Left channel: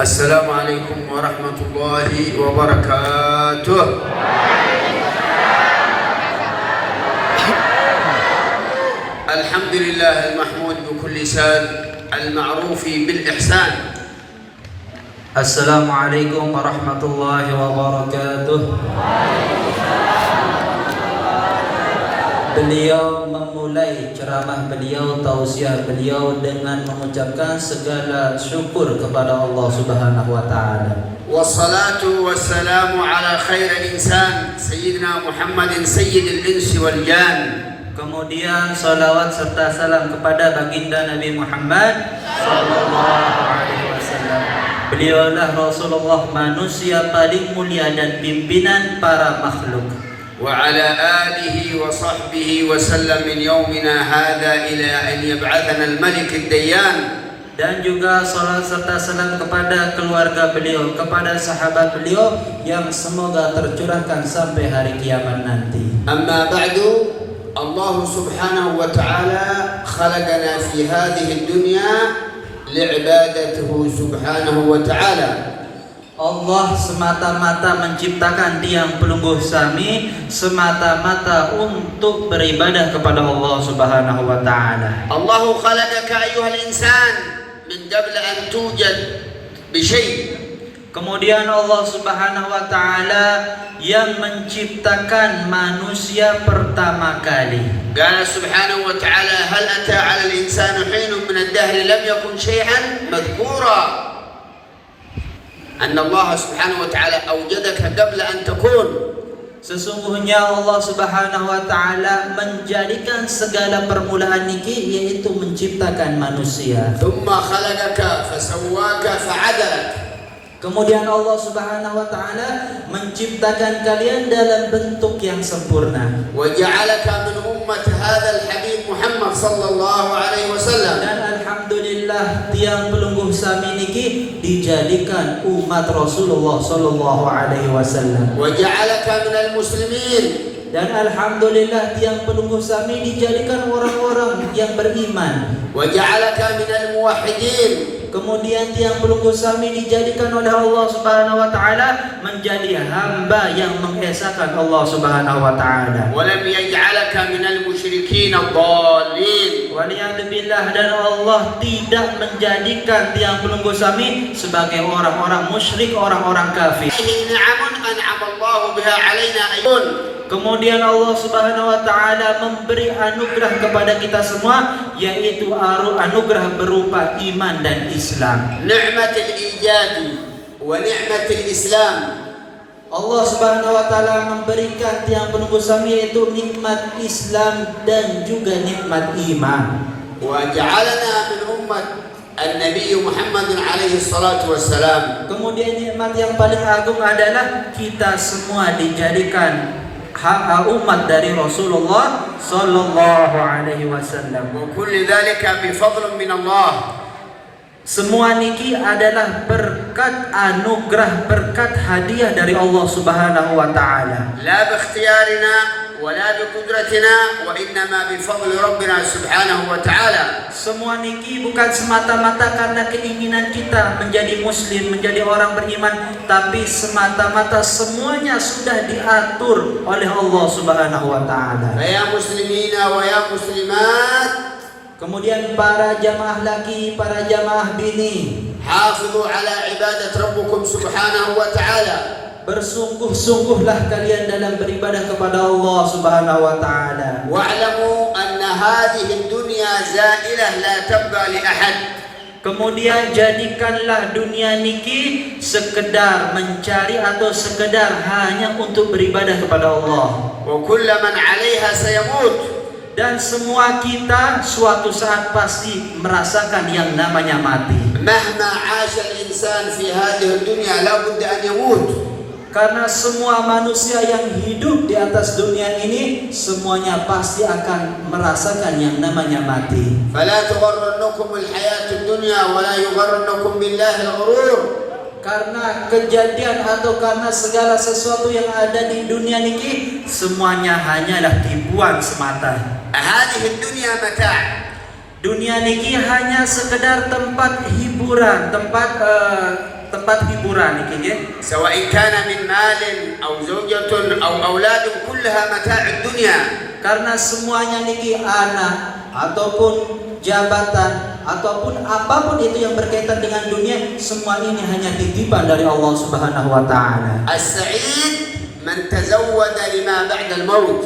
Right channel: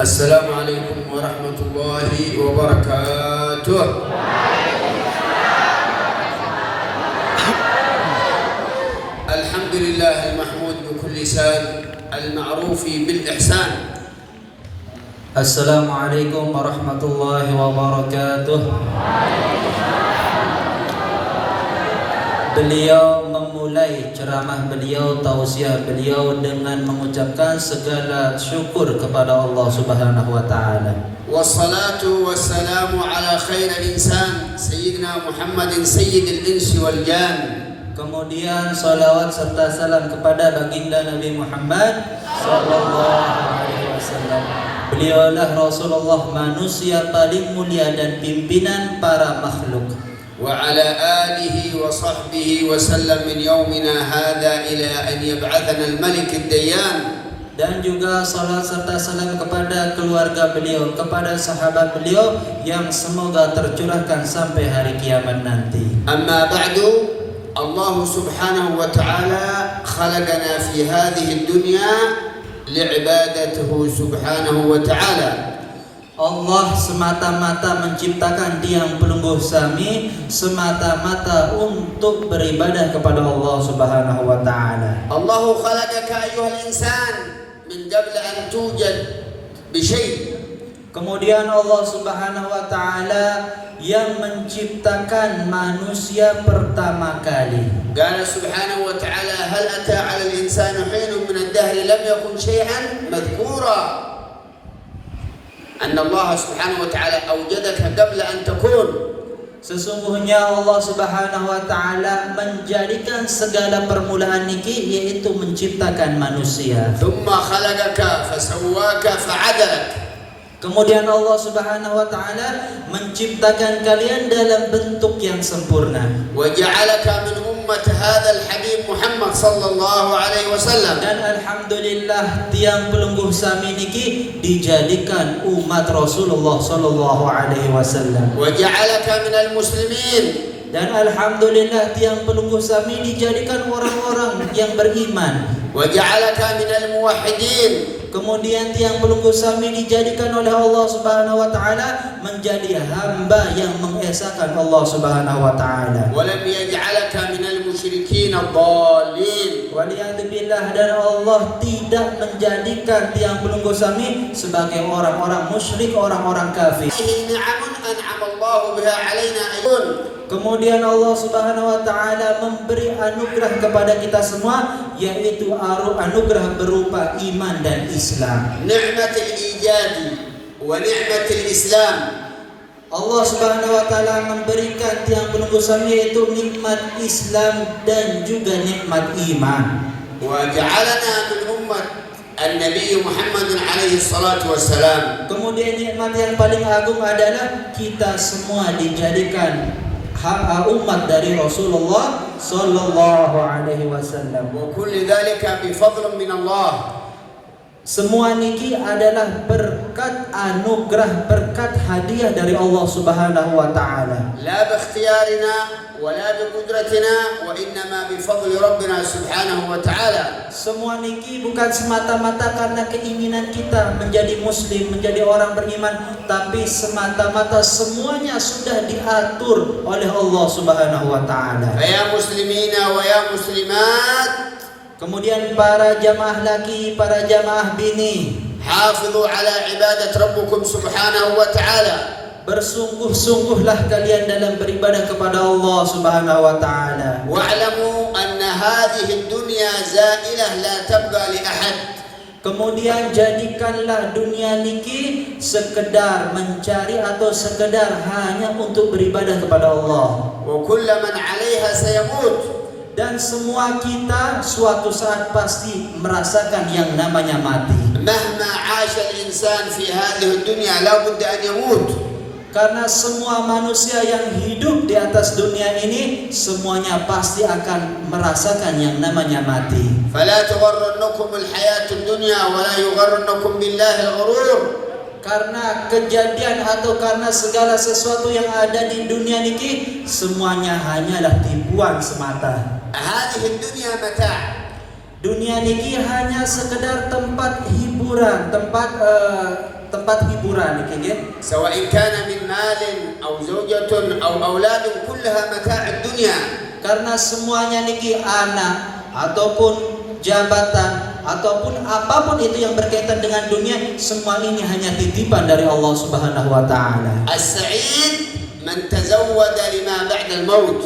Assalamualaikum warahmatullahi wabarakatuh. Alhamdulillah al-mahmud bi kulli lisan al-ma'ruf bil ihsan. Assalamualaikum warahmatullahi wabarakatuh. Beliau memulai ceramah beliau, tausiah beliau dengan mengucapkan segala syukur kepada Allah Subhanahu wa taala. Wassalatu wassalamu ala khairil insan sayyidina Muhammadin sayyidil insi wal jan. Kemudian salawat serta salam kepada baginda Nabi Muhammad sallallahu alaihi wasallam. Beliaulah Rasulullah, manusia paling mulia dan pimpinan para makhluk. وعلى آله وصحبه وسلم من يومنا هذا إلى أن يبعثنا الملك الديان. Dan juga salat serta salam kepada keluarga beliau, kepada sahabat beliau yang semoga tercurahkan sampai hari kiamat nanti. أما بعد الله سبحانه وتعالى خلقنا في هذه الدنيا لعبادته سبحانه وتعالى. Allah semata-mata menciptakan tiang pelungguh sami semata-mata untuk beribadah kepada Allah Subhanahu wa taala. الله خلقك أيها الإنسان من قبل أن توجد بشيء. Kemudian Allah Subhanahu wa taala yang menciptakan manusia pertama kali. قال سبحانه وتعالى هل أتى على الإنسان حين من الدهر لم يكن شيئا مذكورا. أن الله سبحانه وتعالى أوجدك قبل أن تكون. Sesungguhnya Allah Subhanahu wa taala menjadikan segala permulaan niki yaitu menciptakan manusia. ثم خلقك فسواك فعدلك. Kemudian Allah Subhanahu wa taala menciptakan kalian dalam bentuk yang sempurna. وجعلك من أمة هذا الحبيب محمد صلى الله عليه وسلم. Dan alhamdulillah tiang pelungguh sami niki dijadikan umat Rasulullah sallallahu alaihi wasallam. وجعلك من المسلمين. Dan alhamdulillah tiang pelungguh sami dijadikan orang-orang yang beriman. وجعلك من الموحدين. Kemudian tiang pelungguh sami dijadikan oleh Allah Subhanahu wa taala menjadi hamba yang mengesahkan Allah Subhanahu wa taala. ولم يجعلك من المشركين الضالين. Waliyadzubillah, dan Allah tidak menjadikan tiang pelungguh sami sebagai orang-orang musyrik, orang-orang kafir. نعم أنعم الله بها علينا أيضا. Kemudian Allah Subhanahu wa taala memberi anugerah kepada kita semua, yaitu anugerah berupa iman dan Islam. نعمة الإيجاد ونعمة الإسلام. Allah Subhanahu wa taala memberikan tiang pelungguh sami yaitu nikmat Islam dan juga nikmat iman. وجعلنا من أمة النبي محمد عليه الصلاة والسلام. Kemudian nikmat yang paling agung adalah kita semua dijadikan umat dari Rasulullah sallallahu alaihi wasallam. وكل ذلك بفضل من الله. Semua niki adalah berkat anugerah, berkat hadiah dari Allah Subhanahu wa taala. لا باختيارنا ولا بقدرتنا وإنما بفضل ربنا سبحانه وتعالى. Semua niki bukan semata-mata karena keinginan kita menjadi muslim, menjadi orang beriman, tapi semata-mata semuanya sudah diatur oleh Allah Subhanahu wa taala. فيا مسلمين ويا مسلمات. Kemudian para jamaah laki, para jamaah bini, حافظوا على عبادة ربكم سبحانه وتعالى. bersungguh-sungguhlah kalian dalam beribadah kepada Allah Subhanahu wa taala. واعلموا أن هذه الدنيا زائلة لا تبقى لأحد. Kemudian jadikanlah dunia niki sekedar mencari atau sekedar hanya untuk beribadah kepada Allah. وكل من عليها سيموت. Dan semua kita suatu saat pasti merasakan yang namanya mati. مهما عاش الإنسان في هذه الدنيا لا بد أن يموت. Karena semua manusia yang hidup di atas dunia ini semuanya pasti akan merasakan yang namanya mati. فلا تغرنكم الحياة الدنيا ولا يغرنكم بالله الغرور. Karena kejadian atau karena segala sesuatu yang ada di dunia niki semuanya hanyalah tipuan semata. هذه الدنيا متاع. Dunia niki hanya sekedar tempat hiburan, tempat tempat hiburan iki nggih. سواء كان من مال أو زوجة أو أولاد كلها متاع الدنيا. Karena semuanya niki anak ataupun jabatan ataupun apapun itu yang berkaitan dengan dunia, semua ini hanya titipan dari Allah Subhanahu wa taala. السعيد من تزود لما بعد الموت.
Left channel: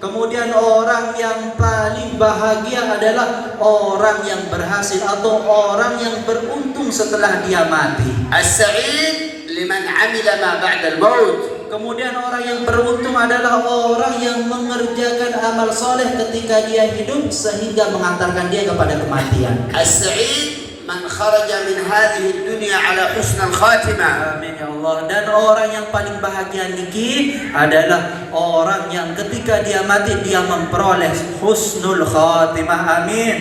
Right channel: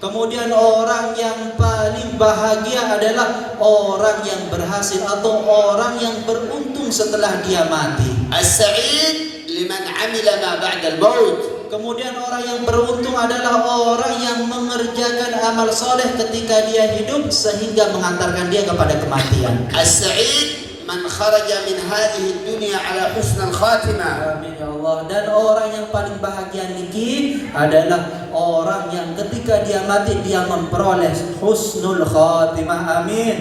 Kemudian orang yang paling bahagia adalah orang yang berhasil atau orang yang beruntung setelah dia mati. السعيد لمن عمل ما بعد الموت. Kemudian orang yang beruntung adalah orang yang mengerjakan amal soleh ketika dia hidup sehingga mengantarkan dia kepada kematian. السعيد من خرج من هذه الدنيا على حسن الخاتمة. Amin ya Allah. Dan orang yang paling bahagia niki adalah orang yang ketika dia mati dia memperoleh husnul khatimah. Amin.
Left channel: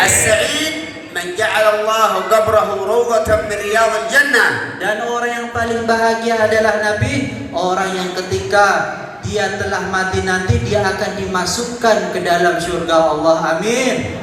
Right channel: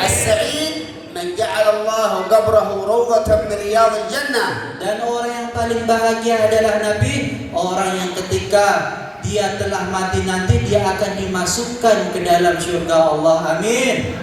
السعيد من جعل الله قبره روضة من رياض الجنة. Dan orang yang paling bahagia adalah Nabi, orang yang ketika dia telah mati nanti dia akan dimasukkan ke dalam surga Allah. Amin.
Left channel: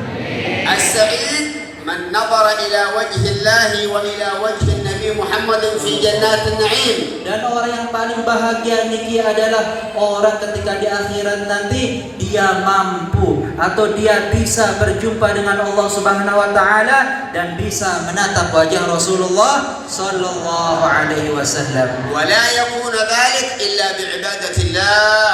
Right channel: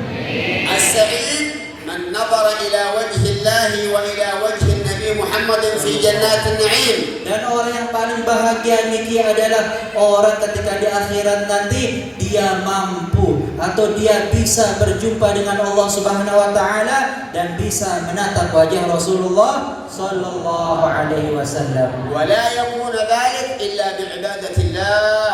السعيد من نظر إلى وجه الله وإلى وجه النبي محمد في جنات النعيم. Dan orang yang paling bahagia niki adalah orang ketika di akhirat nanti dia mampu atau dia bisa berjumpa dengan Allah Subhanahu wa taala dan bisa menatap wajah Rasulullah sallallahu alaihi wasallam. ولا يكون ذلك إلا بعبادة الله.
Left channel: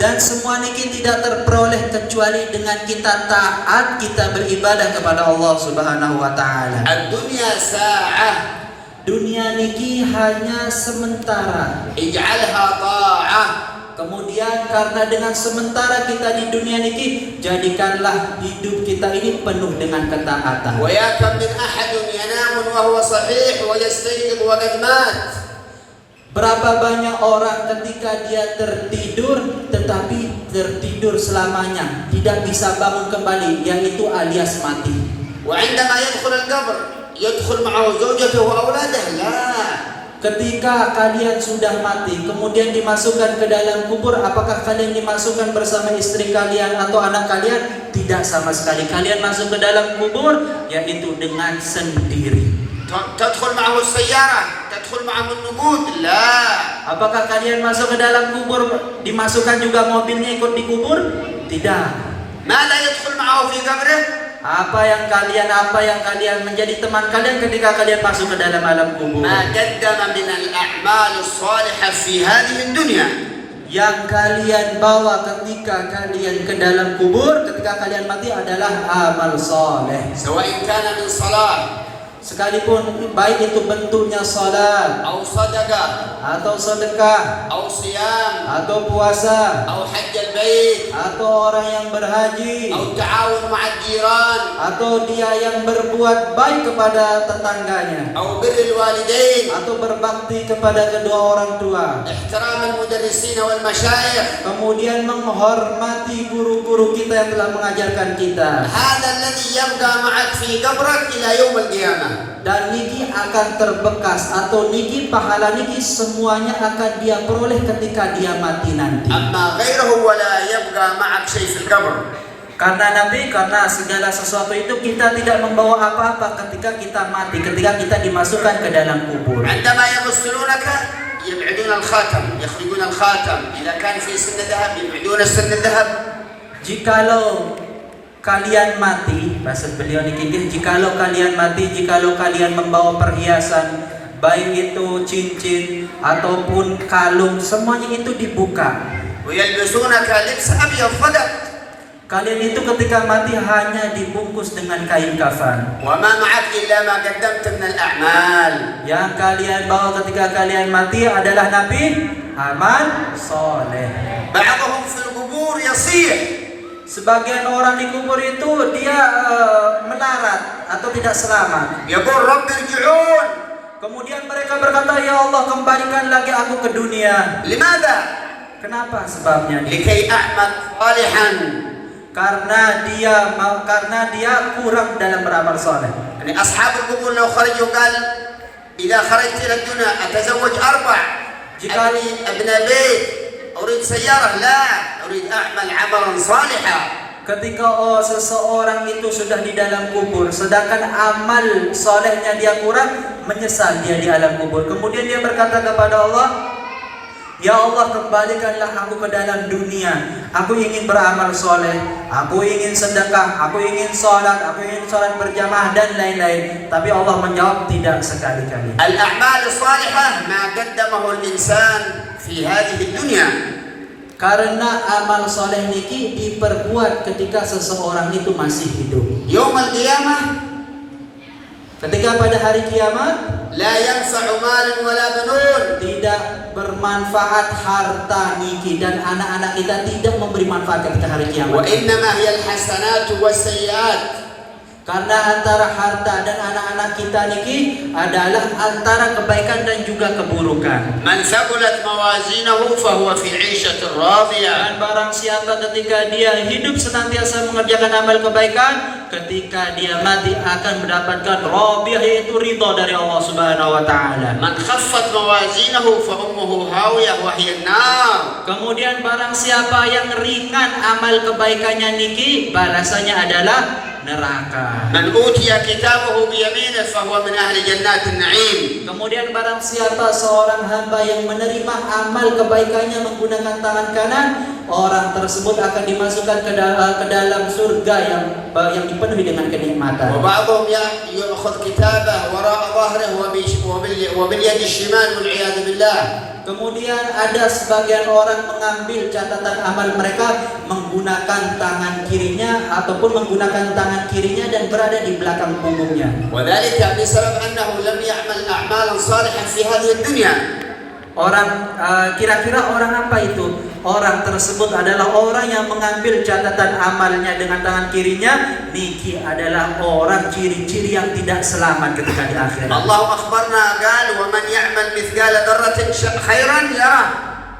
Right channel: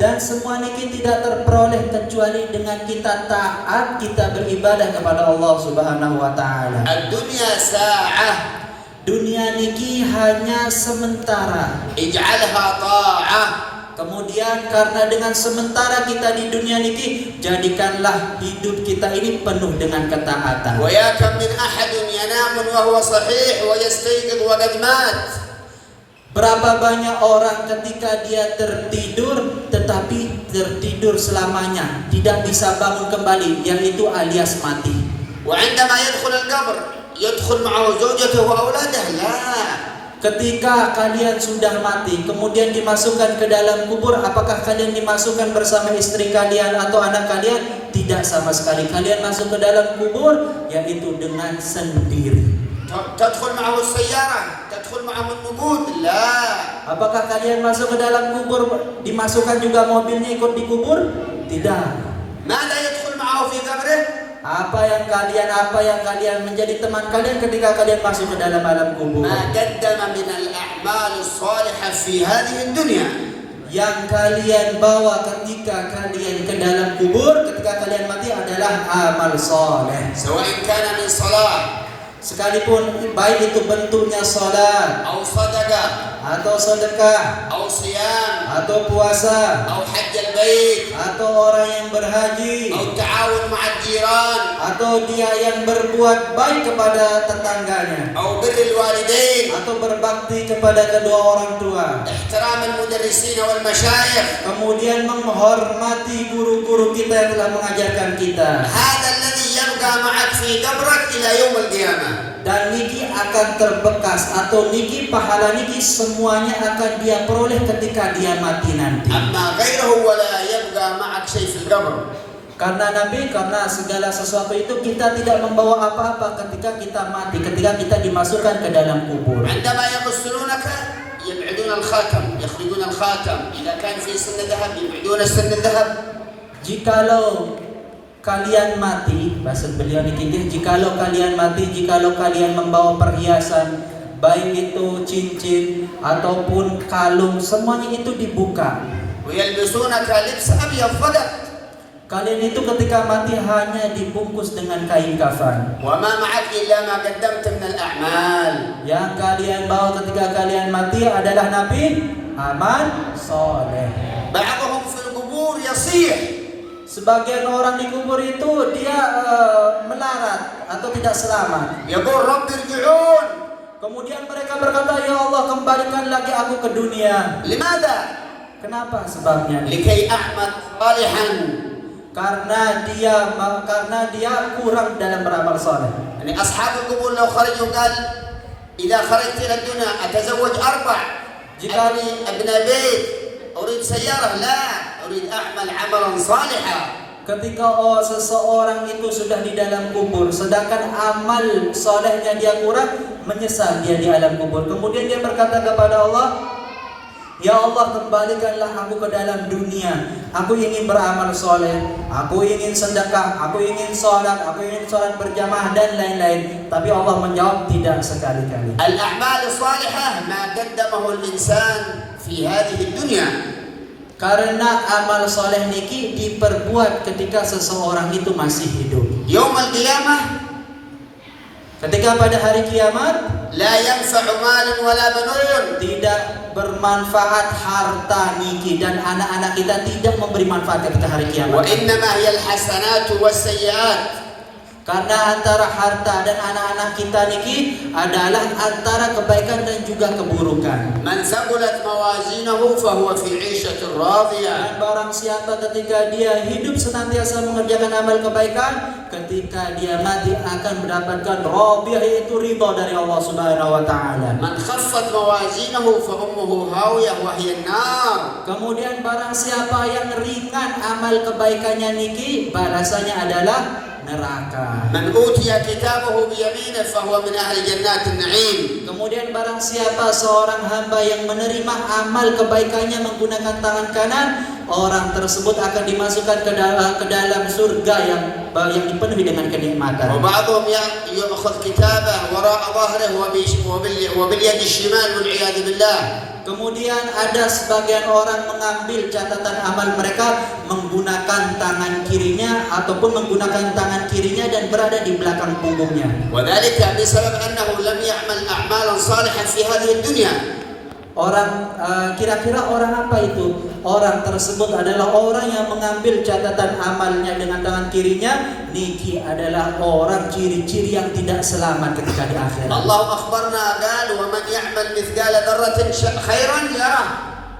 Dan semua niki tidak terperoleh kecuali dengan kita taat, kita beribadah kepada Allah Subhanahu wa taala. الدنيا ساعة. Dunia niki hanya sementara. اجعلها طاعة. Kemudian karena dengan sementara kita di dunia niki, jadikanlah hidup kita ini penuh dengan ketaatan. ويا كم من أحد ينام وهو صحيح ويستيقظ وقد مات. Berapa banyak orang ketika dia tertidur tetapi tertidur selamanya, tidak bisa bangun kembali, yaitu alias mati. وعندما يدخل القبر يدخل معه زوجته وأولاده. لا. Ketika kalian sudah mati, kemudian dimasukkan ke dalam kubur, apakah kalian dimasukkan bersama istri kalian atau anak kalian? Tidak sama sekali. Kalian masuk ke dalam kubur, yaitu dengan sendiri. تدخل معه السيارة، تدخل معه النقود. لا. Apakah kalian masuk ke dalam kubur, dimasukkan juga mobilnya ikut di kubur? Tidak. ماذا يدخل معه في قبره؟ Apa yang kalian menjadi teman kalian ketika kalian masuk ke dalam alam kubur? ما قدم من الأعمال الصالحة في هذه الدنيا. Yang kalian bawa ketika kalian ke dalam kubur, ketika kalian mati adalah amal soleh. سواء كان من صلاة Sekalipun baik itu bentuknya salat أو صدقة atau sedekah أو صيام atau puasa أو حج البيت atau orang yang berhaji أو تعاون مع الجيران atau dia yang berbuat baik kepada tetangganya أو بر الوالدين atau berbakti kepada kedua orang tua, احترام المدرسين والمشايخ. kemudian menghormati guru-guru kita yang telah mengajarkan kita. هذا الذي يبقى معك في قبرك إلى يوم القيامة. Dan niki akan terbekas atau niki pahala niki semuanya akan dia peroleh ketika dia mati nanti. أما غيره ولا يبقى معك شيء في القبر. Karena segala sesuatu itu kita tidak membawa apa-apa ketika kita mati, ketika kita dimasukkan ke dalam kubur. عندما يغسلونك يبعدون الخاتم، يخرجون الخاتم. إذا كان في سن ذهب يبعدون السن الذهب. Jikalau kalian mati, bahasa beliau niki, jikalau kalian mati, jikalau kalian membawa perhiasan, baik itu cincin ataupun kalung, semuanya itu dibuka. ويلبسونك لبس أبيض فدق. Kalian itu ketika mati hanya dibungkus dengan kain kafan. وما معك إلا ما قدمت من الأعمال. Yang kalian bawa ketika kalian mati adalah Nabi, amal soleh. بعضهم في القبور يصيح. Sebagian orang di kubur itu dia melarat atau tidak selamat. يقول رب ارجعون. Kemudian mereka berkata, ya Allah kembalikan lagi aku ke dunia. لماذا؟ Kenapa sebabnya? لكي أعمل صالحا. Karena dia kurang dalam beramal soleh. يعني أصحاب القبور لو خرجوا قال إذا خرجت إلى الدنيا أتزوج 4. أبني ابن بيت، أريد سيارة. لا، أريد أعمل عملا صالحا. ketika seseorang itu sudah di dalam kubur, sedangkan amal solehnya dia kurang, menyesal dia di alam kubur. Kemudian dia berkata kepada Allah, Ya Allah, kembalikanlah aku ke dalam dunia. Aku ingin beramal soleh, aku ingin sedekah, aku ingin sholat berjamaah dan lain-lain. Tapi Allah menjawab, tidak sekali-kali. Al-a'mal as-salihah ma qaddamahu al-insan fi hadhihi dunya. Karena amal soleh niki diperbuat ketika seseorang itu masih hidup. Yaum al-qiyamah, ketika pada hari kiamat, la yanfa'u malun wala banun. Tidak bermanfaat harta niki dan anak-anak kita tidak memberi manfaat ketika hari kiamat. Wa innama hiya al-hasanatu was-sayyi'at. Karena antara harta dan anak-anak kita niki adalah antara kebaikan dan juga keburukan. Man thaqulat mawazinahu fahuwa fi 'ishatin radiyah. Dan barang siapa ketika dia hidup senantiasa mengerjakan amal kebaikan, ketika dia mati akan mendapatkan radiyah, yaitu ridha dari Allah Subhanahu wa taala. Man khaffat mawazinahu fa ummuhu hawiyah wa hiya an-nar. Kemudian barang siapa yang ringan amal kebaikannya niki, balasannya adalah neraka. Man utiya kitabahu bi yaminihi fa huwa min ahli jannatin na'im. Kemudian barang siapa seorang hamba yang menerima amal kebaikannya menggunakan tangan kanan, orang tersebut akan dimasukkan ke dalam surga yang dipenuhi dengan kenikmatan. Wa ba'dhum ya'khudh kitabahu wara'a dhahrihi wa bil yadi shimal wal 'iyad billah. Kemudian ada sebagian orang mengambil catatan amal mereka menggunakan tangan kirinya ataupun menggunakan tangan kirinya dan berada di belakang punggungnya. Wadzalika bisabab annahu lam ya'mal a'malan salihan fi hadhihi ad-dunya. Orang kira-kira orang apa itu? Orang tersebut adalah orang yang mengambil catatan amalnya dengan tangan kirinya. Niki adalah orang ciri-ciri yang tidak selamat ketika di akhirat. Allah akhbarna qala wa man ya'mal mithqala dzarratin khairan yarah.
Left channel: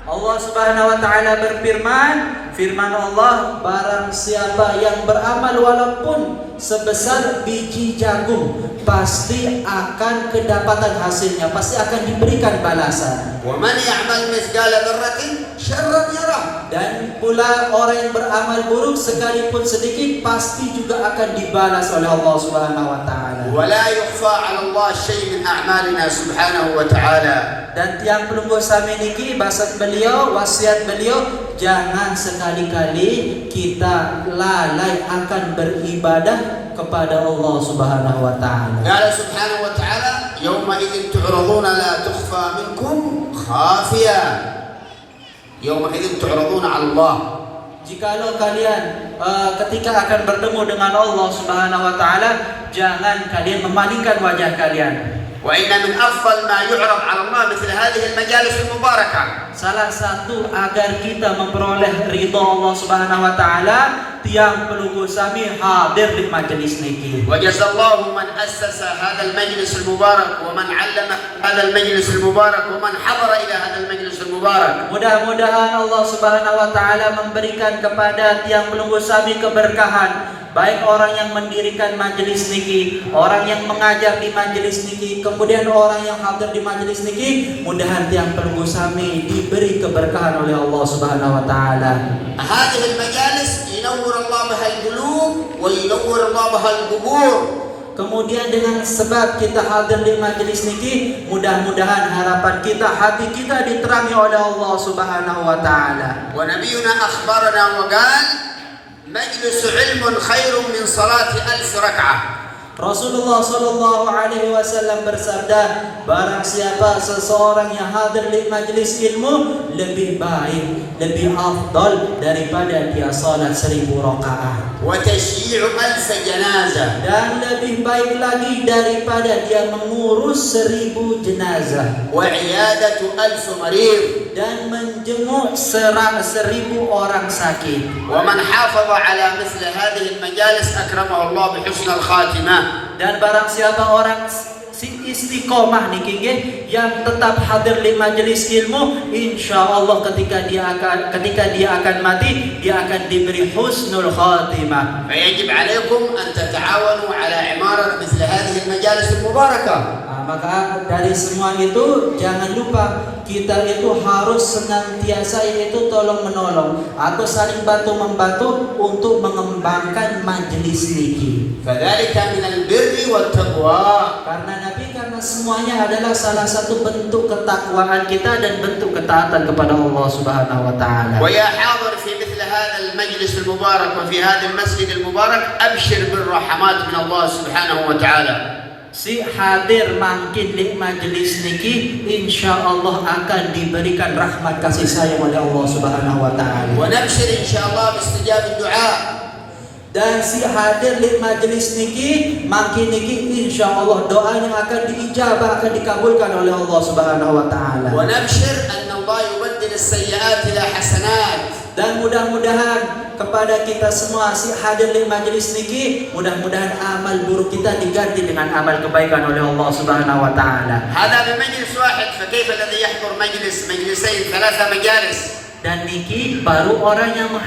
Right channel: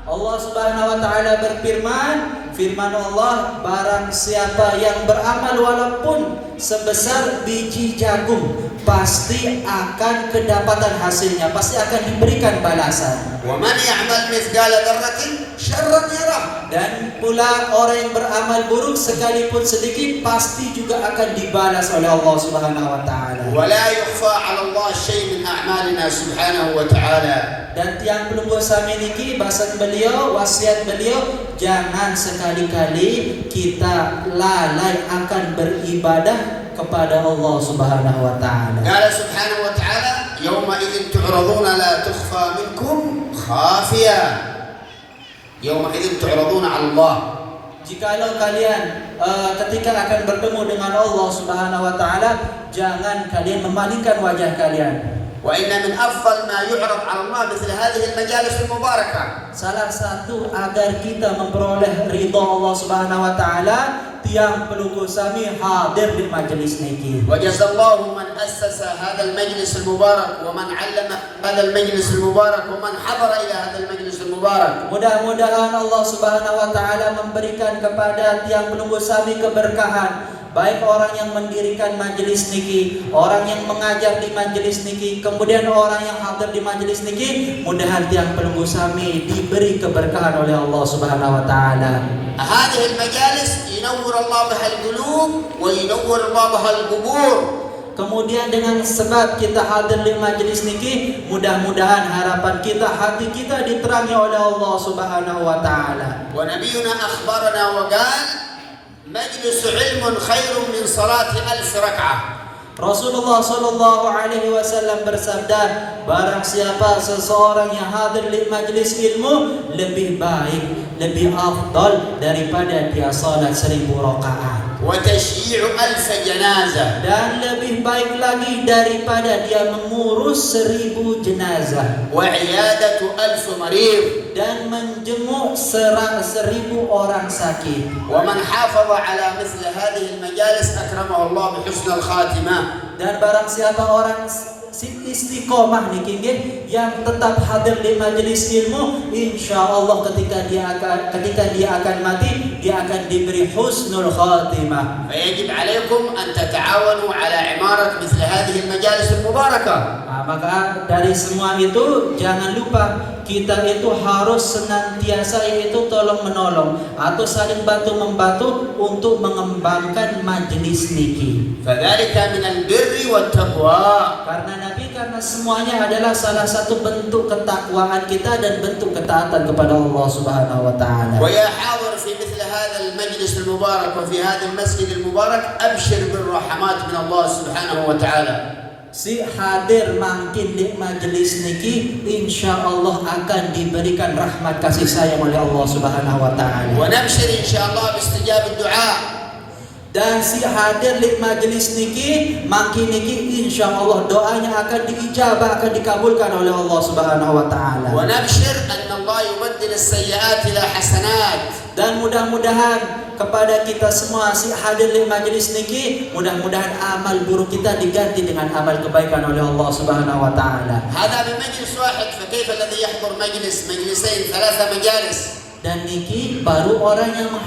Allah Subhanahu wa taala berfirman, firman Allah, barang siapa yang beramal walaupun sebesar biji jagung, pasti akan kedapatan hasilnya, pasti akan diberikan balasan. Wa man ya'mal mithqala dzarratin syarran yarah. Dan pula orang yang beramal buruk sekalipun sedikit pasti juga akan dibalas oleh Allah Subhanahu wa taala. Wa la yukhfa 'ala Allah syai' min a'malina subhanahu wa ta'ala. Dan yang pelungguh sami niki bahasan beliau, wasiat beliau, jangan sekali-kali kita lalai akan beribadah kepada Allah Subhanahu wa taala. Qala subhanahu wa ta'ala, "Yawma idzin tu'raduna la tukhfa minkum khafiyah." Yawma idzin tu'raduna 'ala Allah. Jikalau kalian ketika akan bertemu dengan Allah Subhanahu wa taala, jangan kalian memalingkan wajah kalian. Wa inna min afdal ma yu'rad 'ala Allah mithl hadhihi al-majalis al-mubarakah. Salah satu agar kita memperoleh ridha Allah Subhanahu wa taala, tiang pelungguh sami hadir di majelis niki. Wa jazallahu man assasa hadha al-majlis al-mubarak wa man 'allama hadha al-majlis al-mubarak wa man hadara ila hadha al-majlis al-mubarak. Mudah-mudahan Allah Subhanahu wa taala memberikan kepada tiang pelungguh sami keberkahan, baik orang yang mendirikan majelis niki, orang yang mengajar di majelis niki, kemudian orang yang hadir di majelis niki. Mudahan tiang pelungguh sami diberi keberkahan oleh Allah Subhanahu wa taala. Hadhihi al-majalis yunawwir Allah biha al-qulub wa yunawwir Allah biha al-qubur. Kemudian dengan sebab kita hadir di majelis niki, mudah-mudahan harapan kita, hati kita diterangi oleh Allah Subhanahu wa taala. Wa nabiyuna akhbarana wa qala majlis ilmun khairun min salati 1000 rak'ah. Rasulullah sallallahu alaihi wasallam bersabda, barang siapa seseorang yang hadir di majelis ilmu lebih baik, lebih afdal daripada dia salat 1000 rakaat. Wa tashyi'u 1000 janazah. Dan lebih baik lagi daripada dia mengurus 1000 jenazah. Wa 'iyadatu 1000 marid. Dan menjenguk 1000 orang sakit. Wa man hafadha 'ala mithli hadhihi al-majalis akramahu Allah bi husnil khatimah. Dan barang siapa orang istiqomah niki nggih yang tetap hadir di majelis ilmu, insyaallah ketika dia akan mati, dia akan diberi husnul khatimah. Fayajib 'alaikum an tata'awanu 'ala imarat mithli hadhihi al-majalis al-mubarakah. Maka dari semua itu jangan lupa kita itu harus senantiasa yaitu tolong menolong atau saling bantu membantu untuk mengembangkan majelis niki. فذلك من البر والتقوى. Karena semuanya adalah salah satu bentuk ketakwaan kita dan bentuk ketaatan kepada Allah Subhanahu wa taala. ويا حاضر في مثل هذا المجلس المبارك وفي هذا المسجد المبارك أبشر بالرحمات من الله سبحانه وتعالى. Si hadir makin di majelis niki insya Allah akan diberikan rahmat kasih sayang oleh Allah Subhanahu wa taala. ونبشر إن شاء الله باستجاب الدعاء. Dan si hadir di majelis niki makin niki insya Allah doanya akan diijabah, akan dikabulkan oleh Allah Subhanahu wa taala. ونبشر أن الله يبدل السيئات إلى حسنات. Dan mudah-mudahan kepada kita semua si hadir di majelis niki, mudah-mudahan amal buruk kita diganti dengan amal kebaikan oleh Allah Subhanahu wa taala. هذا بمجلس واحد، فكيف الذي يحضر مجلسين 3 مجالس؟ Dan niki baru orang yang